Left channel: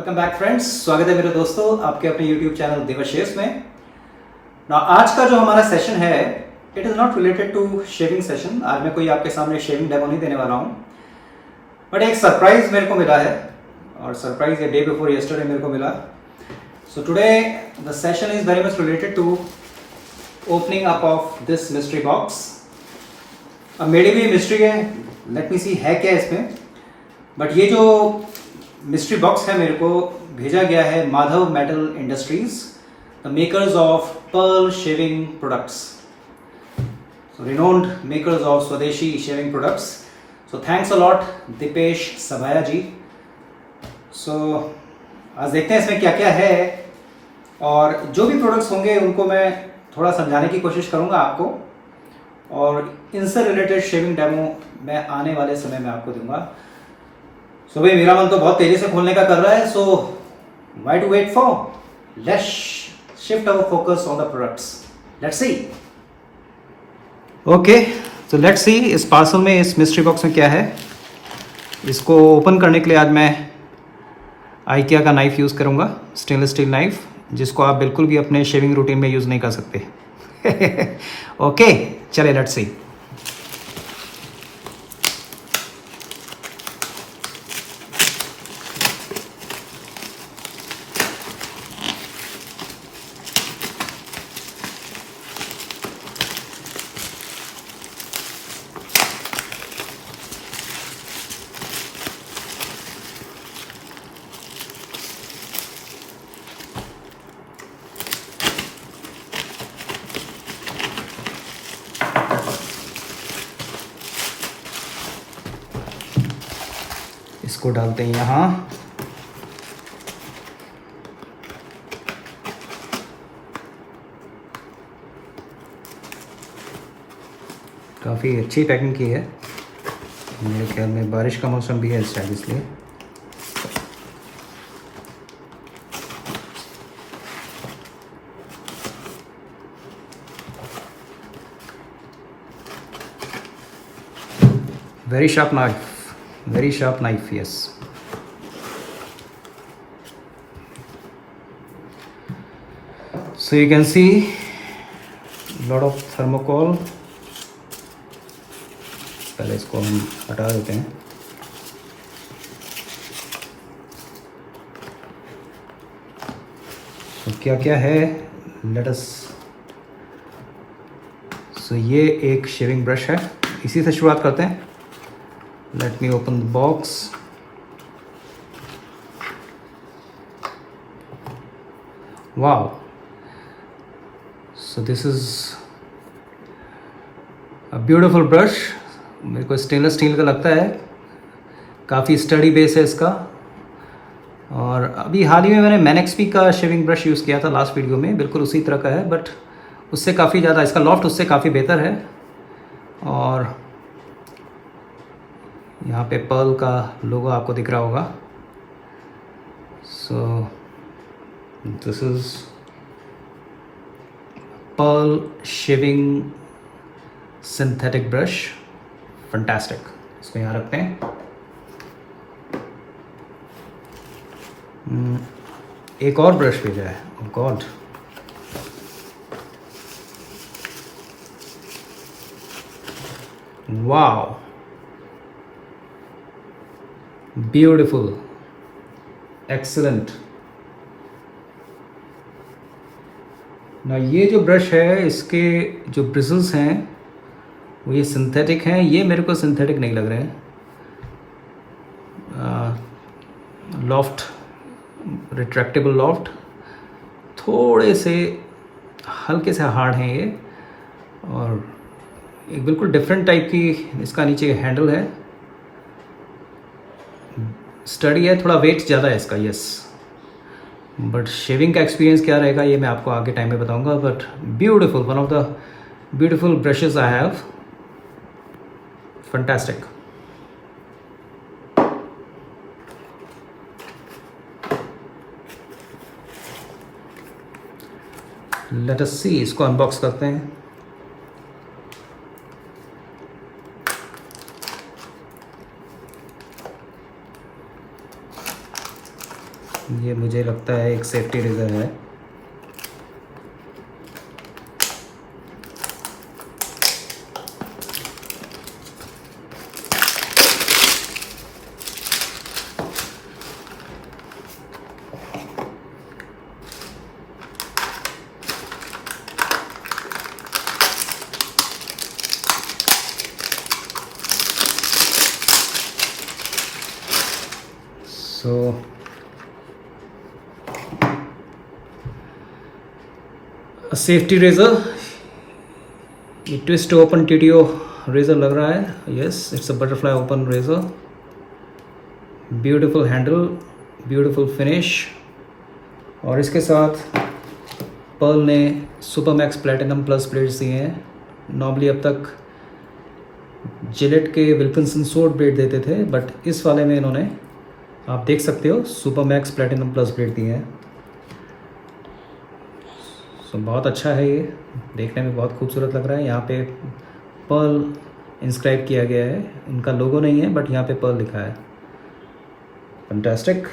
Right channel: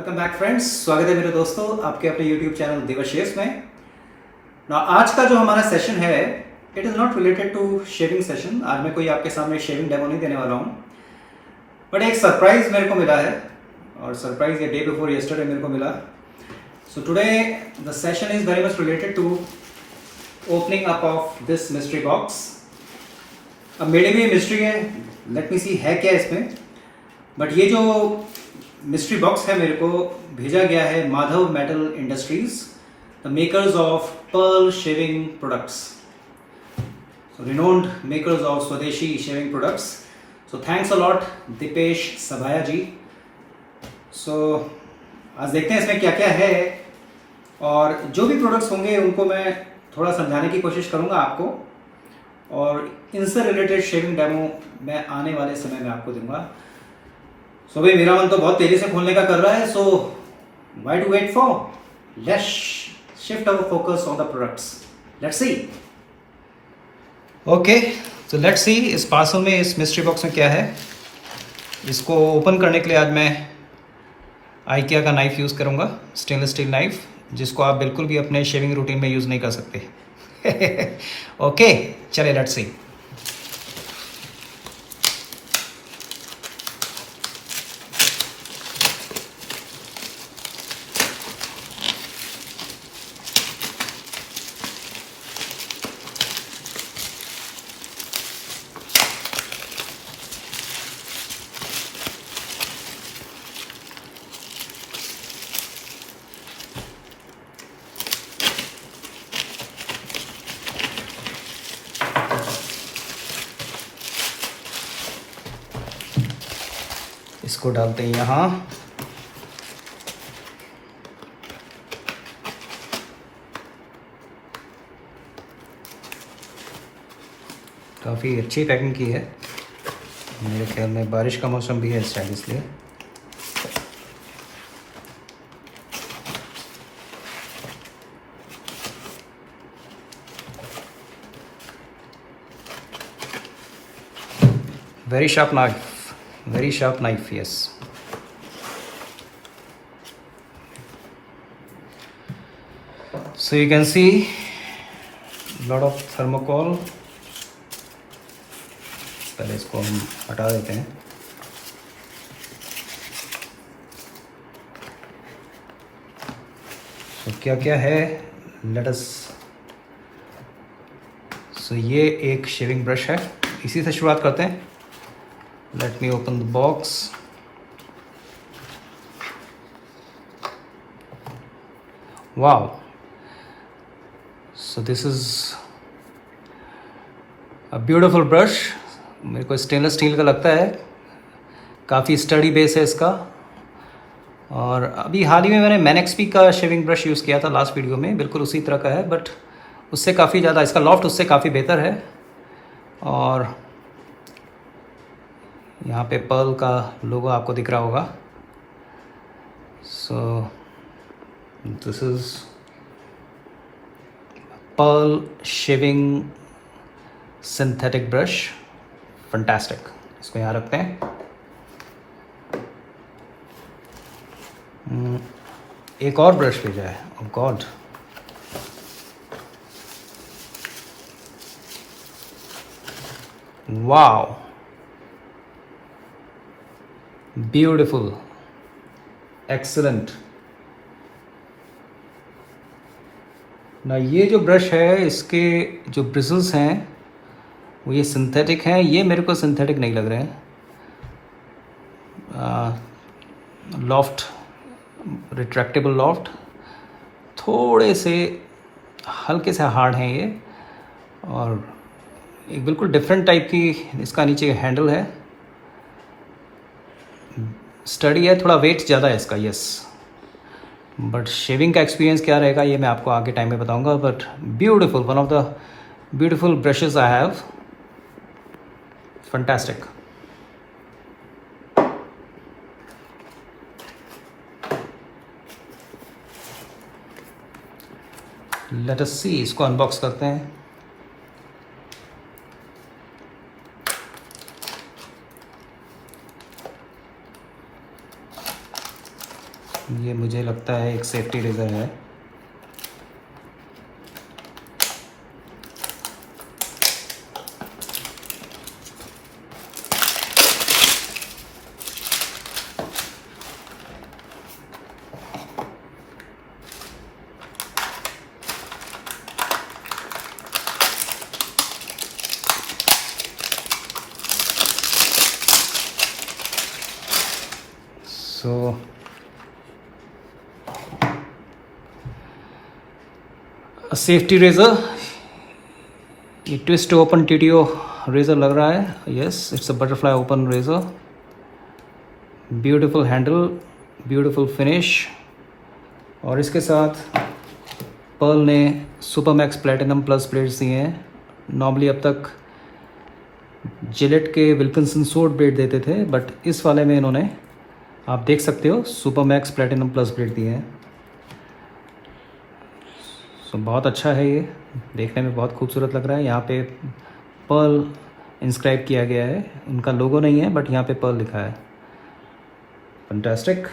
Welcome back friends, स्वागत है मेरे दोस्तों आपके अपने यूट्यूब चैनल देवाशीष में। आज का जो हमारा सेशन है it is not related to shaving session. आज मैं कोई आपके सामने शेविंग डेमो नहीं देने वाला हूँ, बट एक सरप्राइज मेरे को मिला है और सरप्राइज ये डे बिफोर यस्टरडे मेरे को मिला। So today the session is very much related to opening up of this mystery box. अब मेरे भी मिस्ट्री है, लेट मी सी है क्या इसमें। बट ये जो मिस्ट्री बॉक्स है मेरे को भेजा गया है Madhav metal industries, the makers of pearl shaving products, so renowned makers of Swadeshi shaving products. So thanks a lot Deepesh Sabhaya ji. So आज देखते हैं इसमें क्या क्या है और जो भी प्रोडक्ट्स होंगे उनको मैं थोड़ा समझाने की कोशिश करूंगा आपको, और इनसे रिलेटेड शेविंग डेमो मैं आने वाले समय में आपको दूंगा। सो भाई मेरा मन तो बहुत तेजी से खोलने का कर रहा है, so why to wait for, let's shift our focus on the products, let's see. Okay, तो लेट्स सी इस पार्सल में, इस मिस्ट्री बॉक्स में क्या है। इसको ओपन करने के लिए आज मैं आइकिया का नाइफ यूज़ करूँगा, स्टेनलेस स्टील नाइफ, जिसको आप बिल्कुल भी अपने शेविंग रूटीन में यूज़ नहीं कर सकते। ओके चलिए लेट्स सी। इसको डालते हैं यहाँ, काफ़ी अच्छी पैकिंग की है। मेरे ख्याल में बारिश का मौसम भी है शायद इसलिए। Very sharp knife, very sharp knife, yes. So you can see lot of thermocol। पहले इसको हम हटा देते हैं। So क्या क्या है, let us। So ये एक शेविंग ब्रश है, इसी से शुरुआत करते हैं। Let me open the box। Wow, so this is a beautiful brush। मेरे को स्टेनलेस स्टील का लगता है, काफ़ी स्टडी बेस है इसका। और अभी हाल ही में मैंने मैनेक्सपी का शेविंग ब्रश यूज़ किया था लास्ट वीडियो में, बिल्कुल उसी तरह का है, बट उससे काफ़ी ज़्यादा इसका लॉफ्ट उससे काफ़ी बेहतर है। और यहाँ पे पर्ल का लोगो आपको दिख रहा होगा। So this is Pearl shaving synthetic brush, fantastic. इसको यहाँ रखते हैं। एक और ब्रश भेजा है, oh God. Wow, beautiful, excellent. ना ये जो ब्रश है इसके जो ब्रिजल्स हैं वो ये सिंथेटिक हैं, ये मेरे को सिंथेटिक नहीं लग रहे हैं। लॉफ्ट, रिट्रैक्टेबल लॉफ्ट, थोड़े से हल्के से हार्ड हैं ये, और एक बिल्कुल डिफरेंट टाइप की इसका नीचे हैंडल है। स्टडी है, थोड़ा वेट ज़्यादा है इसका, यस। बट शेविंग का एक्सपीरियंस क्या रहेगा ये मैं आपको आगे टाइम में बताऊंगा। But beautiful, one of the beautiful brushes I have, fantastic. Let us see, इसको अनबॉक्स करते हैं। ये मुझे लगता है एक सेफ्टी रेज़र है। So a safety razor, ये twist to open TTO razor लग रहा है। Yes, it's a butterfly open razor, beautiful handle, beautiful finish। और इसके साथ पर्ल ने सुपरमैक्स प्लेटिनम प्लस ब्लेड्स दिए हैं। नॉर्मली अब तक जिलेट के विल्किंसन सोड ब्लेड देते थे, बट इस वाले में इन्होंने, आप देख सकते हो, सुपरमैक्स प्लेटिनम प्लस ब्लेड दिए हैं। सो बहुत अच्छा है, ये देखने में बहुत खूबसूरत लग रहा है। यहाँ पे पर्ल इंस्क्राइब किया गया है, इनका लोगो नहीं है बट यहाँ पे पर्ल लिखा है। फैंटास्टिक।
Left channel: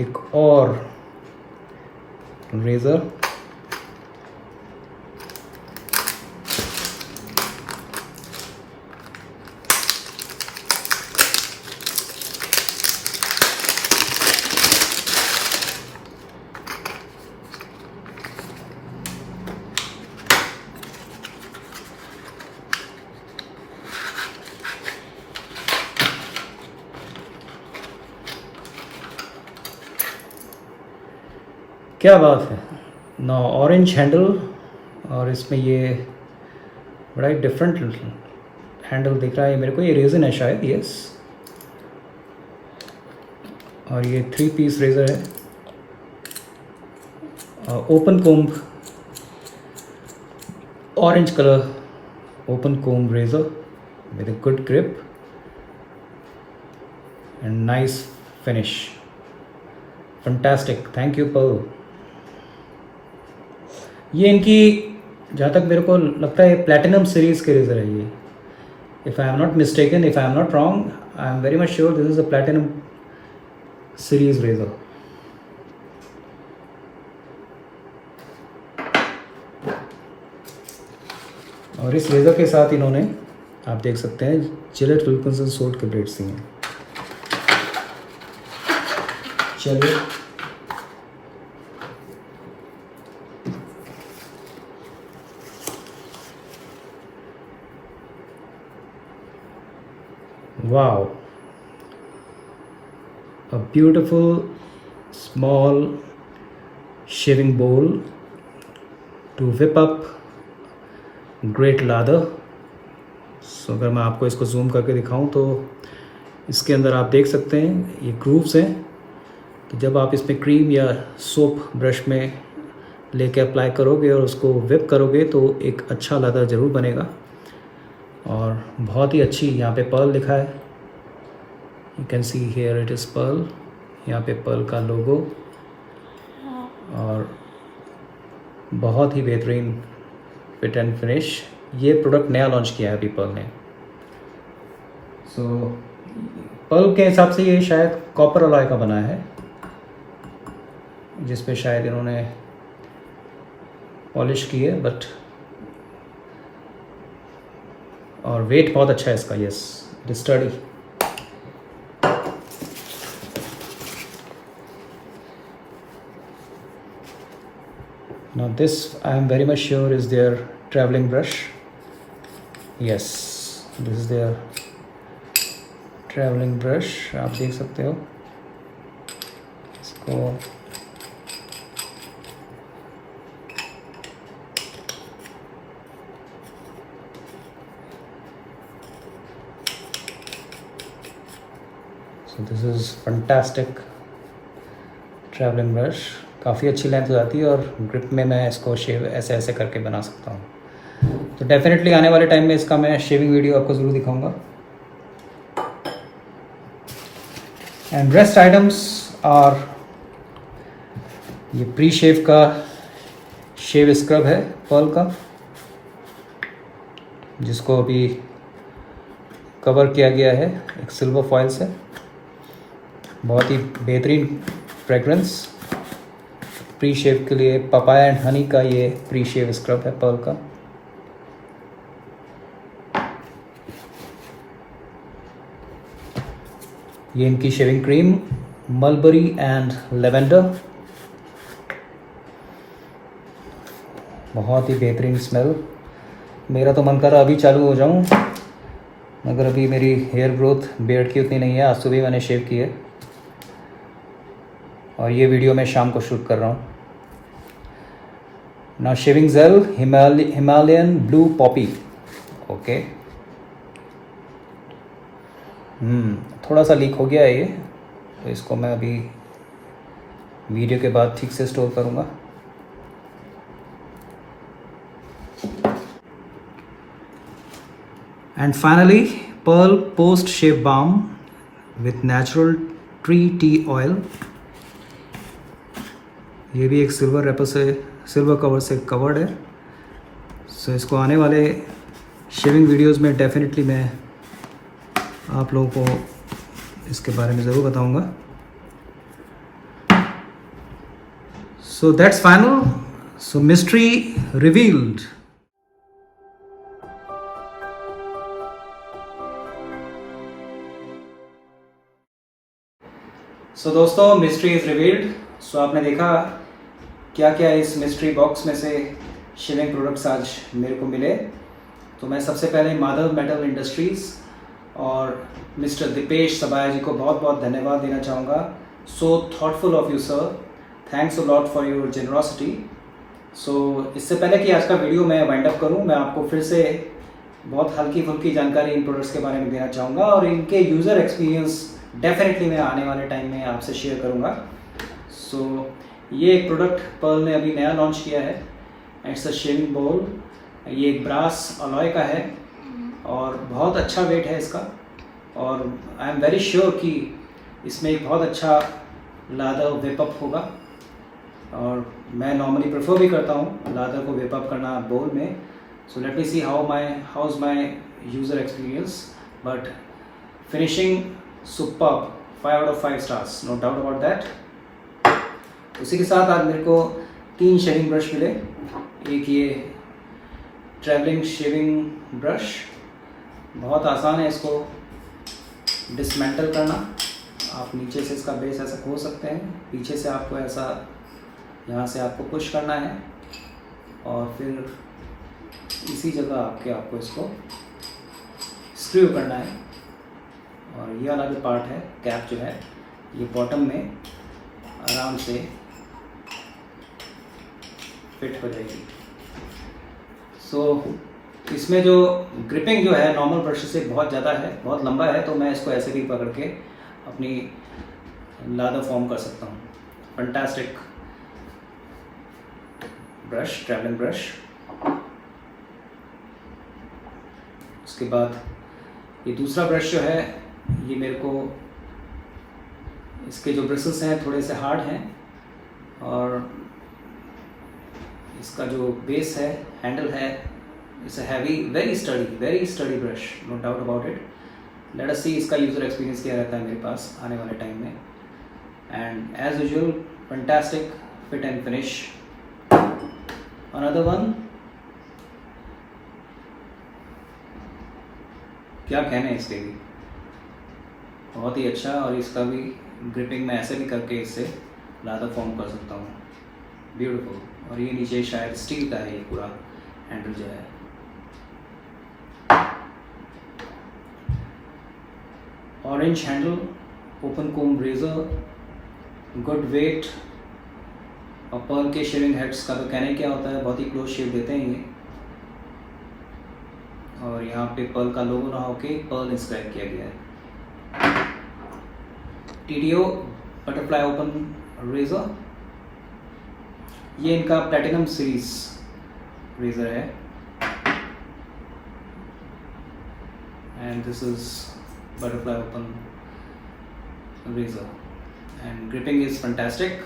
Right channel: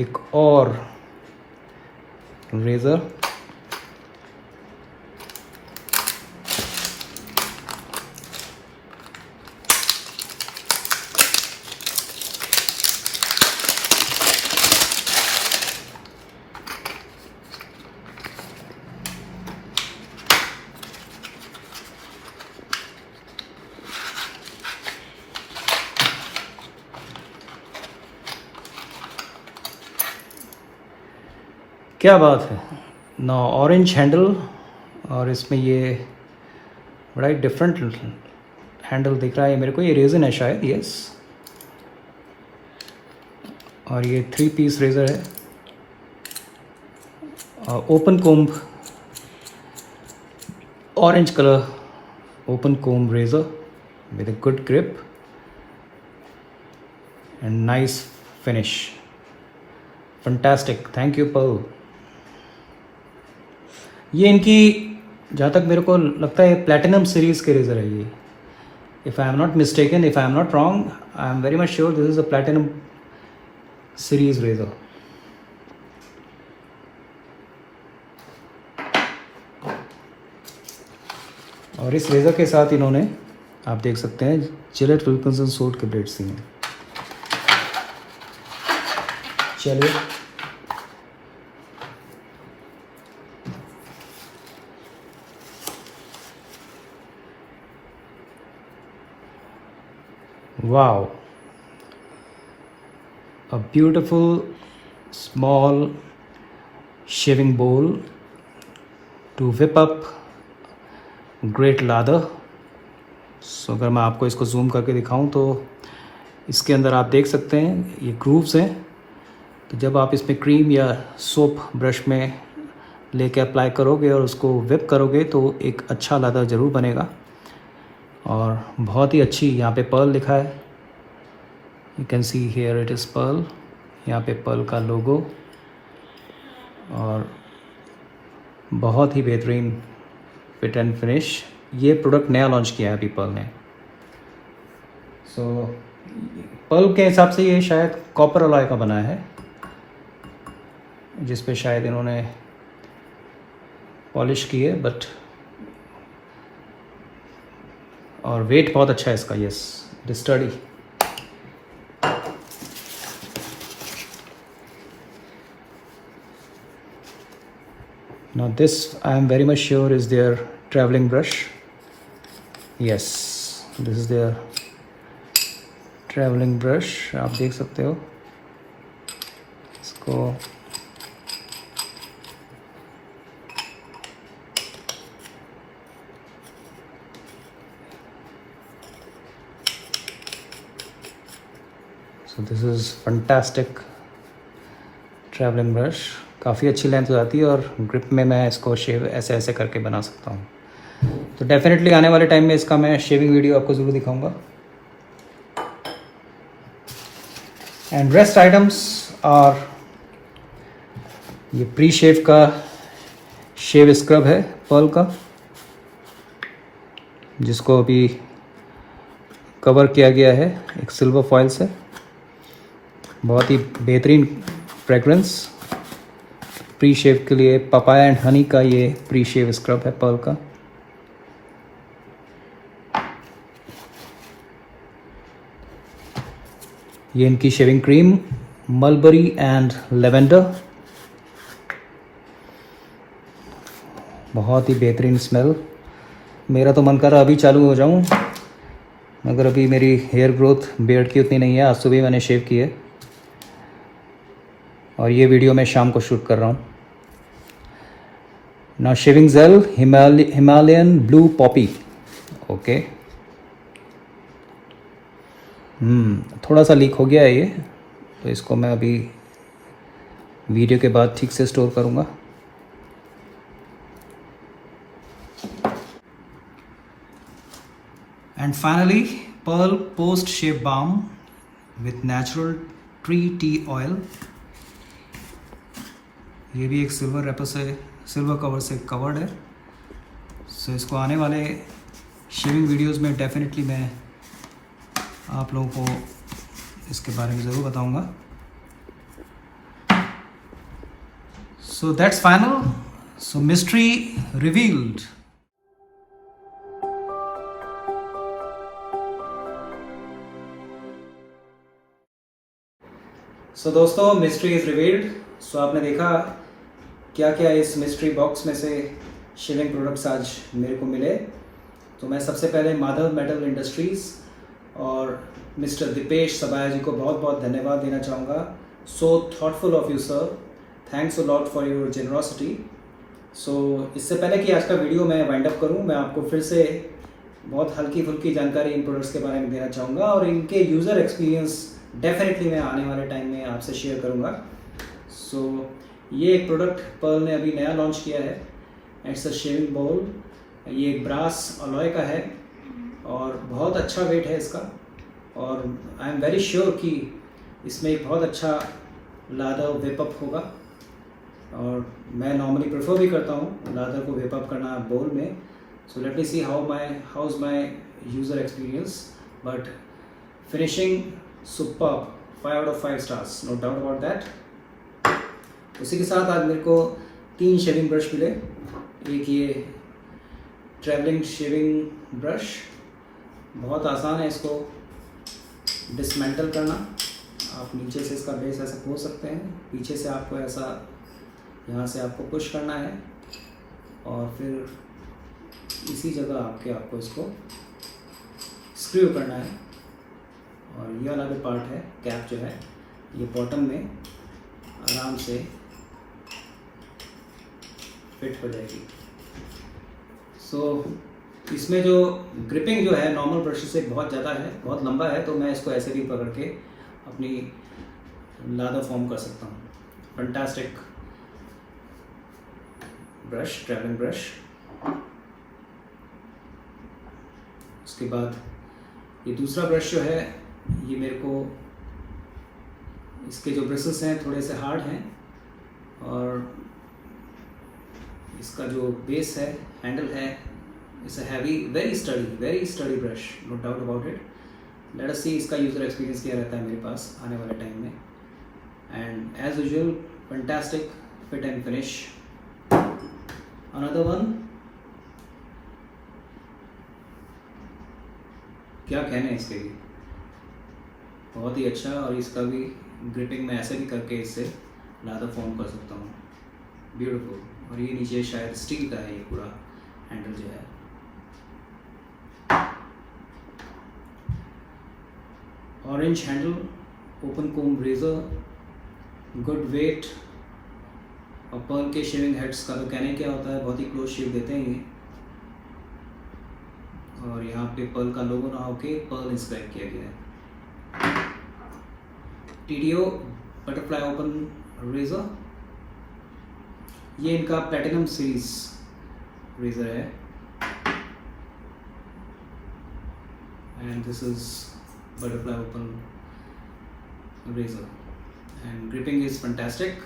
एक और रेज़र, क्या बात है ना। ऑरेंज हैंडल, और इसमें ये बड़ा ही डिफरेंट हैंडल दिख रहा है मेरे को। ये रेजन है शायद, यस। और ये 3 पीस रेजर है, open comb, orange colour open comb razor with a good grip and nice finish. Fantastic, thank you Pearl. ये इनकी, जहाँ तक मेरे को लगता है, प्लैटिनम सीरीज़ के रेज़र है ये। If I am not mistaken, if I am not wrong, I am very much sure this is a platinum series razor. और इस रेज़र के साथ इन्होंने, आप देख सकते हैं, जिलेट विल्किंसन सोड के ब्लेड्स दिए हैं। चलिए wow, a beautiful small shaving bowl to whip up great lather। सो अगर मैं आपको इसको जूम करके दिखाऊं तो इसके अंदर आप देख सकते हैं ये ग्रूव्स हैं। तो जब आप इसमें क्रीम या सोप ब्रश में लेके अप्लाई करोगे और उसको whip करोगे तो एक अच्छा लादर ज़रूर बनेगा। और बहुत ही अच्छी, यहाँ पे पर्ल लिखा है, you can see here it is Pearl. यहाँ पे पर्ल का लोगो, और बहुत ही बेहतरीन फिट एंड फिनिश। ये प्रोडक्ट नया लॉन्च किया है अभी पर्ल ने। सो पर्ल के हिसाब से ये शायद कॉपर अलॉय का बना है, जिस पे शायद इन्होंने पॉलिश की है, बट और वेट बहुत अच्छा है इसका। Yes, it is study. Now this I am very much sure is their traveling brush. Yes, this is their traveling brush। आप देख सकते हो इसको। So this is fantastic traveling brush। काफ़ी अच्छी लेंथ हो जाती है और ग्रिप में मैं इसको शेव ऐसे ऐसे करके बना सकता हूँ। तो डेफिनेटली आने वाले टाइम में इसका मैं शेविंग वीडियो आपको ज़रूर दिखाऊंगा। एंड रेस्ट आइटम्स आर ये प्री शेव का शेव स्क्रब है पर्ल का, जिसको अभी कवर किया गया है एक सिल्वर फॉइल से। बहुत ही बेहतरीन फ्रेगरेंस प्री शेव के लिए। पपाया एंड हनी का ये प्री शेव स्क्रब है पर्ल का। ये इनकी shaving cream mulberry and lavender, बहुत ही बेहतरीन स्मेल। मेरा तो मन कर रहा अभी चालू हो जाऊं, मगर अभी मेरी हेयर ग्रोथ बियर्ड की उतनी नहीं है। आज सुबह मैंने शेव की है और ये वीडियो मैं शाम को शूट कर रहा हूँ ना। Shaving jail Himalayan blue Poppy. Okay, थोड़ा सा लीक हो गया है ये, तो इसको मैं अभी वीडियो के बाद ठीक से स्टोर करूँगा। And finally Pearl post shave balm with natural tree tea oil. ये भी एक सिल्वर रैपर से, सिल्वर कवर से कवर्ड है। सो इसको आने वाले शेविंग वीडियोस में डेफिनेटली मैं आप लोगों को इसके बारे में ज़रूर बताऊंगा। So that's final. So mystery revealed. So दोस्तों, मिस्ट्री इज़ रिवील्ड। सो आपने देखा क्या क्या इस मिस्ट्री बॉक्स में से शेविंग प्रोडक्ट्स आज मेरे को मिले। तो मैं सबसे पहले माधव मेटल इंडस्ट्रीज़ और मिस्टर दीपेश सबाया जी को बहुत बहुत धन्यवाद देना चाहूँगा। So thoughtful of you sir, thanks a lot for your generosity. So इससे पहले कि आज का वीडियो मैं वाइंड अप करूँ, मैं आपको फिर से बहुत हल्की फुल्की जानकारी इन प्रोडक्ट्स के बारे में देना चाहूँगा और इनके यूज़र एक्सपीरियंस डेफिनेटली मैं आने वाले टाइम में आपसे शेयर करूँगा। सो ये एक प्रोडक्ट पर्ल ने अभी नया लॉन्च किया है। इट्स अ शेविंग बोल। ये एक ब्रास अलॉय का है और बहुत अच्छा वेट है इसका, और आई एम वेरी श्योर कि इसमें एक बहुत अच्छा लादर वेप अप होगा। और मैं नॉर्मली प्रेफर भी करता हूँ लादर को वेप अप करना बोल में। So let me see how is my user experience, but finishing superb, 5 out of 5 stars, no doubt about that. उसी के साथ आज मेरे को 3 शेविंग ब्रश मिले। एक ये ट्रैवलिंग शेविंग ब्रश, बहुत आसान है इसको डिसमेंटल करना। आप नीचे से इसका बेस ऐसा खोल सकते हैं, पीछे से आपको ऐसा यहाँ से आपको पुश करना है और फिर इसी जगह आपको इसको स्क्रू करना है। और ये वाला जो पार्ट है, कैप जो है, ये बॉटम में आराम से फिट हो जाएगी। सो इसमें जो ग्रिपिंग जो है नॉर्मल ब्रश से बहुत ज़्यादा है, बहुत लंबा है, तो मैं इसको ऐसे भी पकड़ के अपनी लादर फॉर्म कर सकता हूँ। Fantastic brush, travelling brush. उसके बाद ये दूसरा ब्रश जो है, ये मेरे को इसके जो ब्रिसल्स हैं थोड़े से हार्ड हैं और इसका जो बेस है, हैंडल है, it's a heavy, very sturdy brush, no doubt about it. Let us see इसका यूज़र एक्सपीरियंस क्या रहता है मेरे पास आने वाले टाइम में। And as usual fantastic fit and finish. Another one, क्या कहना है इसके भी, बहुत ही अच्छा। और इसका भी ग्रिपिंग मैं ऐसे भी करके इससे लादर फॉर्म कर सकता हूँ, ब्यूटीफुल। और ये नीचे शायद स्टील का है ये पूरा हैंडल जो है। ऑरेंज हैंडल, ओपन कोम रेजर, गुड वेट। और पर्ल के शेविंग हेड्स का तो कहने क्या होता है, बहुत ही क्लोज शेव देते हैं ये। और यहाँ पे पर्ल का लोगो ना होके पर्ल इंस्क्राइब किया गया है। TDO बटरफ्लाई ओपन रेजर, ये इनका प्लेटिनम सीरीज रेजर है। And this is butterfly open razor and gripping is fantastic,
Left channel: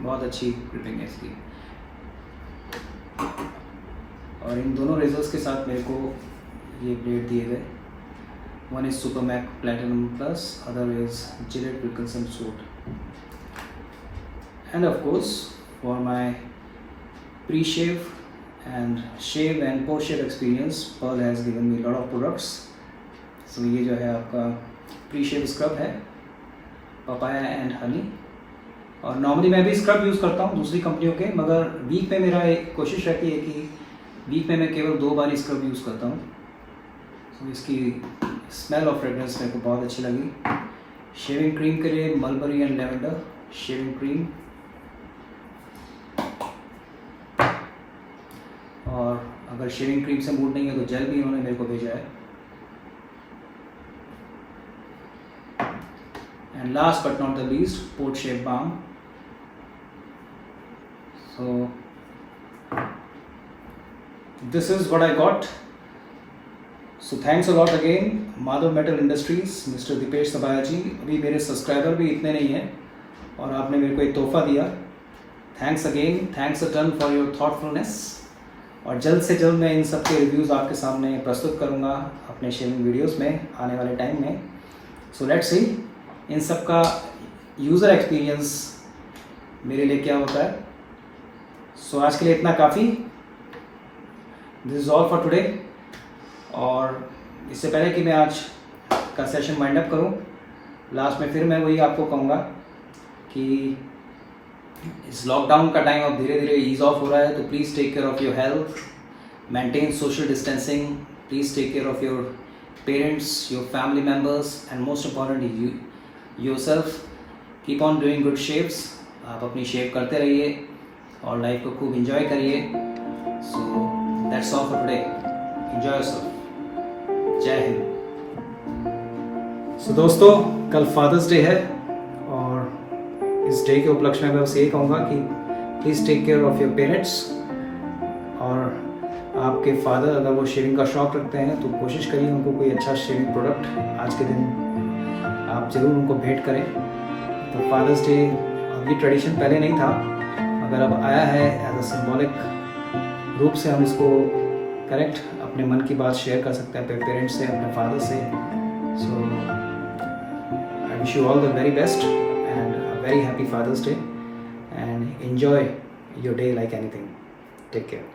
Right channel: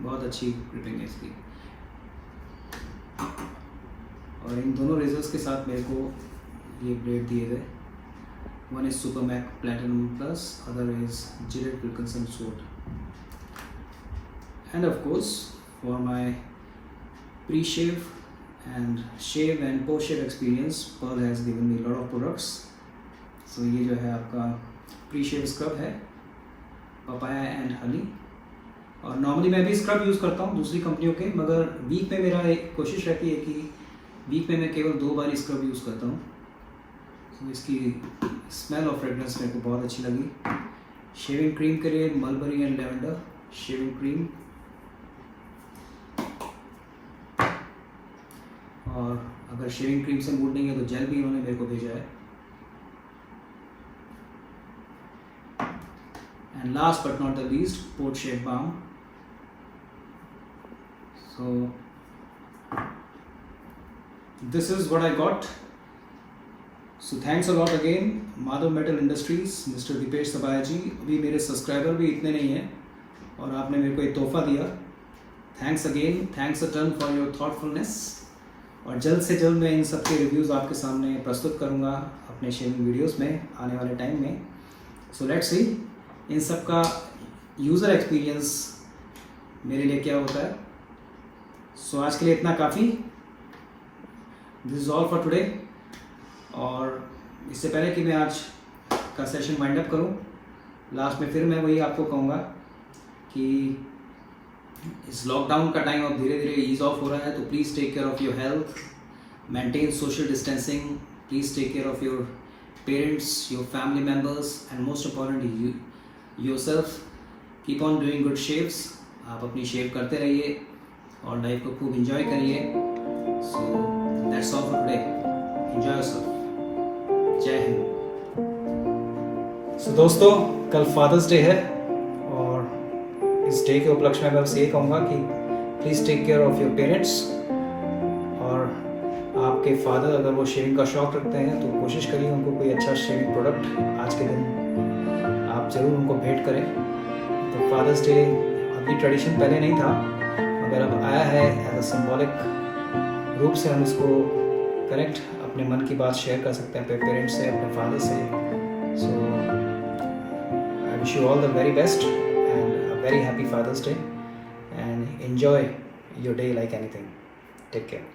बहुत अच्छी ग्रिपिंग है इसकी। और इन दोनों रेजर्स के साथ मेरे को ये ब्लेड दिए गए. One is super Mac platinum plus, other is Gillette Wilkinson suit. And of course for my pre shave and shave and post shave experience, Pearl has given me a lot of products. So ये जो है आपका pre शेव scrub है, papaya and honey. और normally मैं भी scrub use करता हूँ दूसरी कंपनियों के, मगर वीक में मेरा एक कोशिश रहती है कि वीक में मैं केवल 2 बार स्क्रब यूज़ करता हूँ. तो इसकी स्मेल और फ्रेगरेंस मेरे को बहुत अच्छी लगी. शेविंग क्रीम के लिए mulberry and lavender shaving cream, और अगर शेविंग क्रीम से मूड नहीं है तो जेल भी इन्होंने मेरे को भेजा है. And last but not the least, post shave balm. So this is what I got. So thanks a lot again Madhav metal Industries, Mr Deepesh Sabaya ji. अभी मेरे सब्सक्राइबर भी इतने नहीं हैं और आपने मेरे को एक तोहफा दिया. Thanks again, thanks a ton for your thoughtfulness. और जल्द से जल्द मैं इन सब के रिव्यूज़ आपके सामने प्रस्तुत करूंगा अपने शेविंग वीडियोस में आने वाले टाइम में. सो लेट्स सी इन सब का यूज़र एक्सपीरियंस मेरे लिए क्या होता है. सो आज के लिए इतना काफ़ी. This is all for today. और इससे पहले कि मैं आज का सेशन वाइंड अप करूं, लास्ट में फिर मैं वही आपको कहूँगा कि इस लॉकडाउन का टाइम अब धीरे धीरे ईज ऑफ हो रहा है, तो please take care of your health, maintain social distancing, please take care of your parents, your family members, and most importantly yourself. Keep on doing good shaves. आप अपनी शेव करते रहिए और लाइफ को खूब इंजॉय करिए. So that's all for today. Enjoy yourself. जय हिंद. सो दोस्तों, कल फादर्स डे है और इस डे के उपलक्ष्य में मैं बस यही कहूँगा कि please take care of your parents. और आपके फादर अगर वो शेविंग का शौक़ रखते हैं तो कोशिश करिए उनको कोई अच्छा शेविंग प्रोडक्ट आज के दिन आप ज़रूर उनको भेंट करें. तो फादर्स डे अभी ट्रेडिशन पहले नहीं था, मगर अब आया है एज अ सिंबॉलिक रूप से. हम इसको करेक्ट अपने मन की बात शेयर कर सकते हैं अपने पेरेंट्स से, अपने फादर से. So I wish you all the very best and a very happy Father's Day, and enjoy your day like anything. Take care.